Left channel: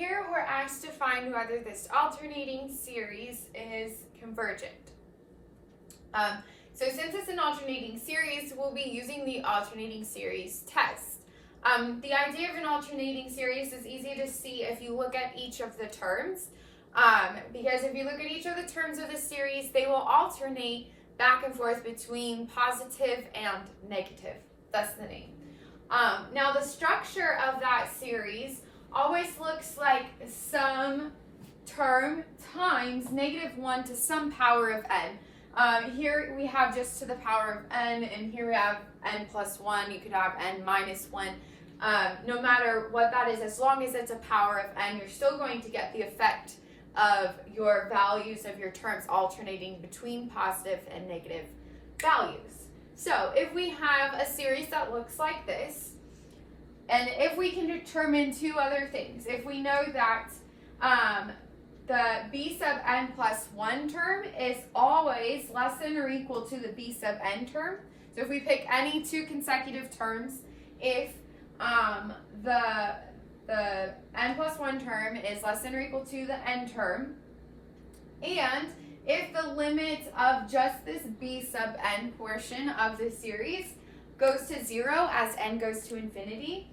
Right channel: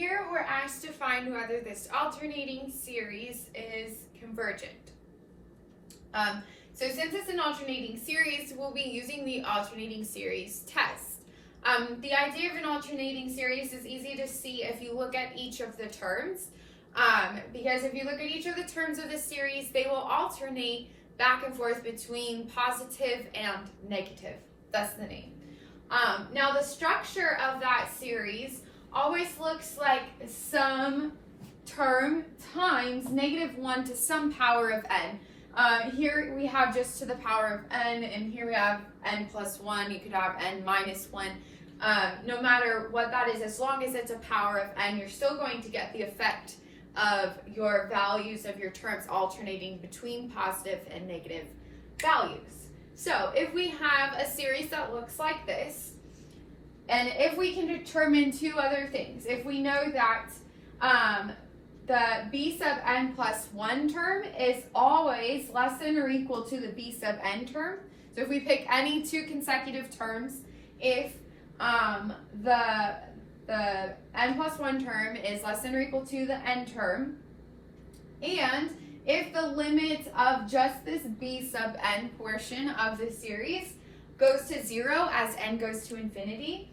Here we're asked to find whether this alternating series is convergent. So since it's an alternating series, we'll be using the alternating series test. The idea of an alternating series is easy to see if you look at each of the terms, because if you look at each of the terms of the series, they will alternate back and forth between positive and negative. That's the name. Now the structure of that series always looks like some term times -1 to some power of n. Here we have just to the power of n, and here we have n plus 1. You could have n minus 1. No matter what that is, as long as it's a power of n, you're still going to get the effect of your values of your terms alternating between positive and negative values. So if we have a series that looks like this, and if we can determine two other things, if we know that the b sub n plus 1 term is always less than or equal to the b sub n term, so if we pick any two consecutive terms, if the n plus 1 term is less than or equal to the n term, and if the limit of just this b sub n portion of the series goes to 0 as n goes to infinity,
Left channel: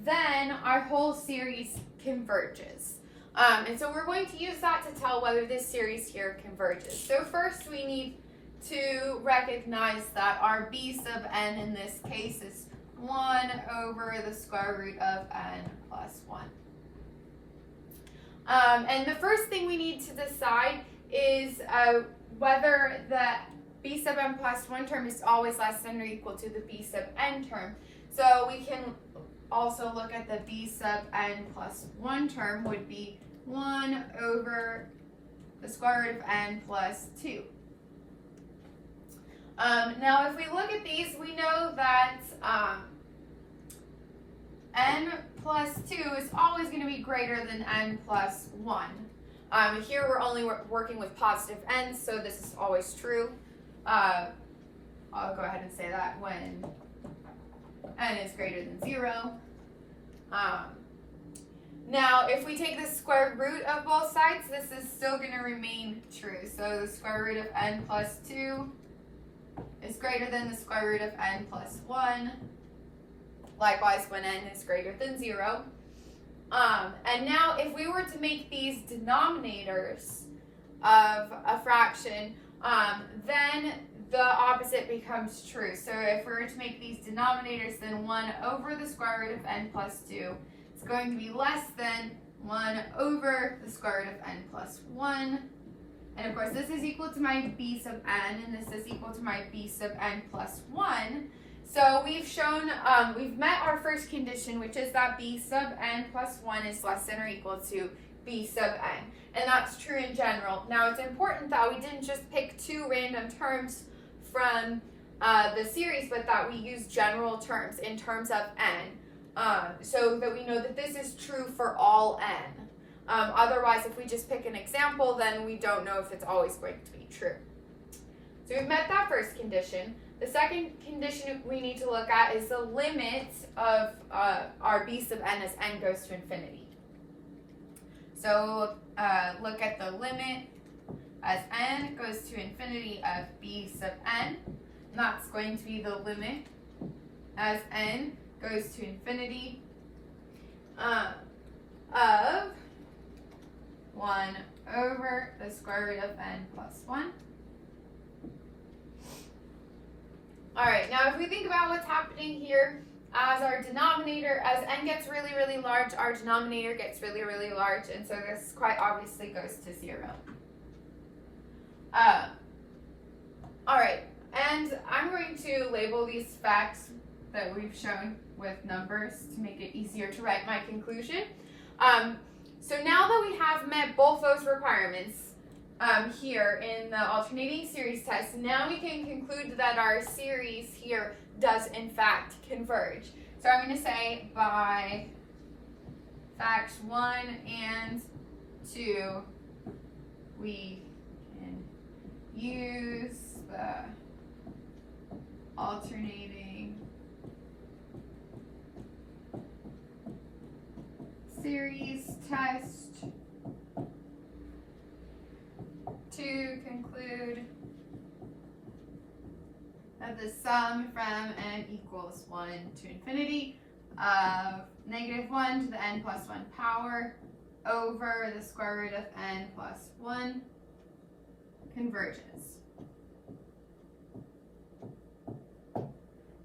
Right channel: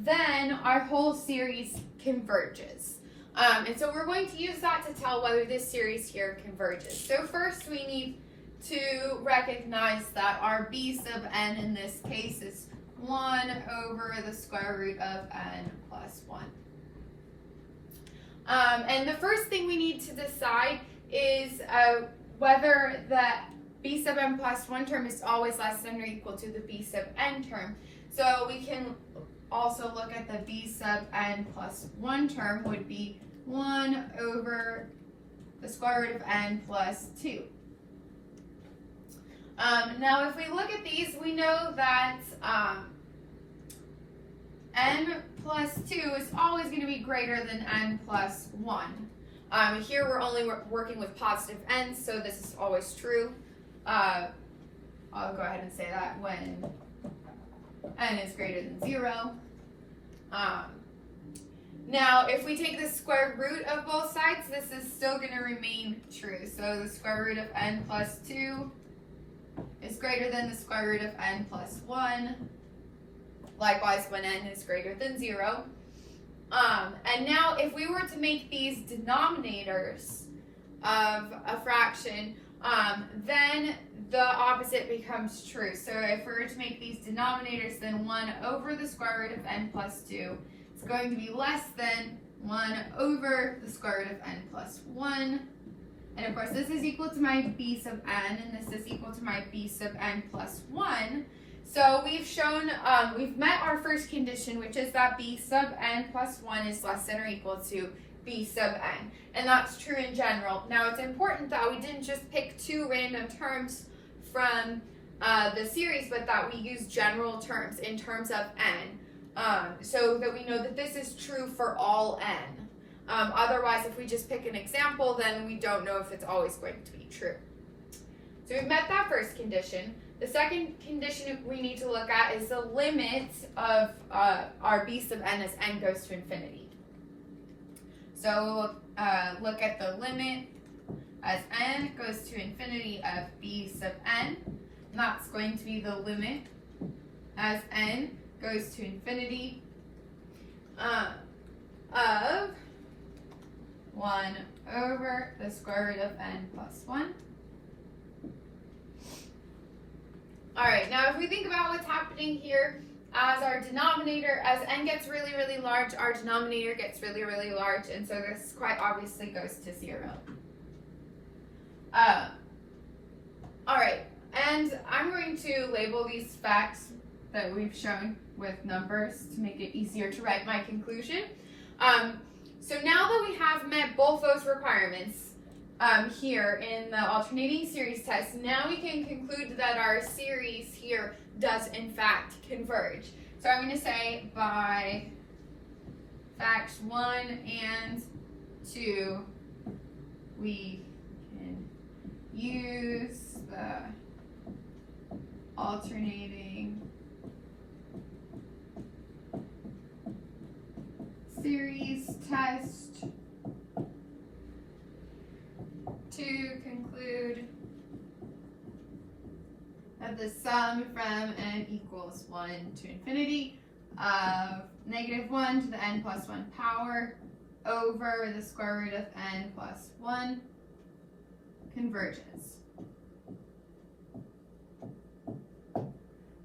then our whole series converges. And so we're going to use that to tell whether this series here converges. So first we need to recognize that our b sub n in this case is 1 over the square root of n plus 1. And the first thing we need to decide is whether the b sub n plus 1 term is always less than or equal to the b sub n term. So we can also look at the b sub n plus 1 term would be 1 over the square root of n plus 2. Now if we look at these, we know that n plus 2 is always going to be greater than n plus 1. Here we're only working with positive n, so this is always true. I'll go ahead and say that when n is greater than 0. Now, if we take the square root of both sides, this is still going to remain true. So the square root of n plus 2 is greater than the square root of n plus 1. Likewise, when n is greater than 0. And now, if we were to make these denominators of a fraction, then the opposite becomes true. So if we were to make these denominators, then 1 over the square root of n plus 2 is going to be less than 1 over the square root of n plus 1. And of course, this is equal to my b sub n, and this is equal to my b sub n plus 1. So we've shown, we've met our first condition, which is that b sub n plus 1 is less than or equal to b sub n. And that's true in general. Now it's important that we didn't just pick two random terms from the series, but that we use general terms in terms of n, so that we know that this is true for all n. Otherwise, if we just pick an example, then we don't know if it's always going to be true. So we've met that first condition. The second condition we need to look at is the limit of our b sub n as n goes to infinity. So look at the limit as n goes to infinity of b sub n. And that's going to be the limit as n goes to infinity of 1 over the square root of n plus 1. All right, now if we think about what's happening here, as our denominator, as n gets really, really large, our denominator gets really, really large, and so this quite obviously goes to 0. All right, and I'm going to label these facts that we've shown with numbers to make it easier to write my conclusion. So now that we have met both those requirements, here in the alternating series test, now we can conclude that our series here does in fact converge. So I'm going to say by facts 1 and 2, we can use the alternating series test to conclude that the sum from n equals 1 to infinity of -1 to the n plus 1 power over the square root of n plus 1 converges.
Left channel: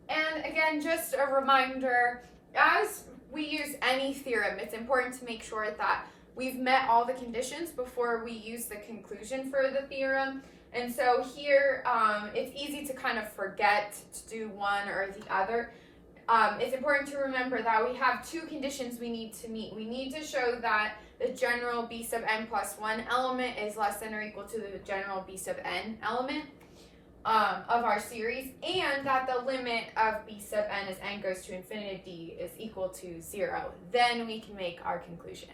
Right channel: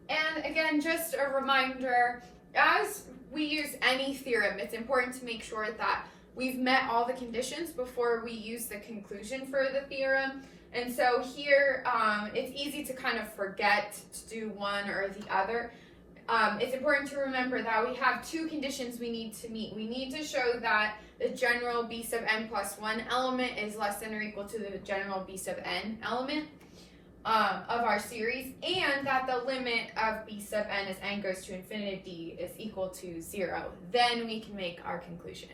And again, just a reminder, as we use any theorem, it's important to make sure that we've met all the conditions before we use the conclusion for the theorem. And so here, it's easy to kind of forget to do one or the other. It's important to remember that we have two conditions we need to meet. We need to show that the general b sub n plus 1 element is less than or equal to the general b sub n element of our series, and that the limit of b sub n as n goes to infinity is equal to 0. Then we can make our conclusion.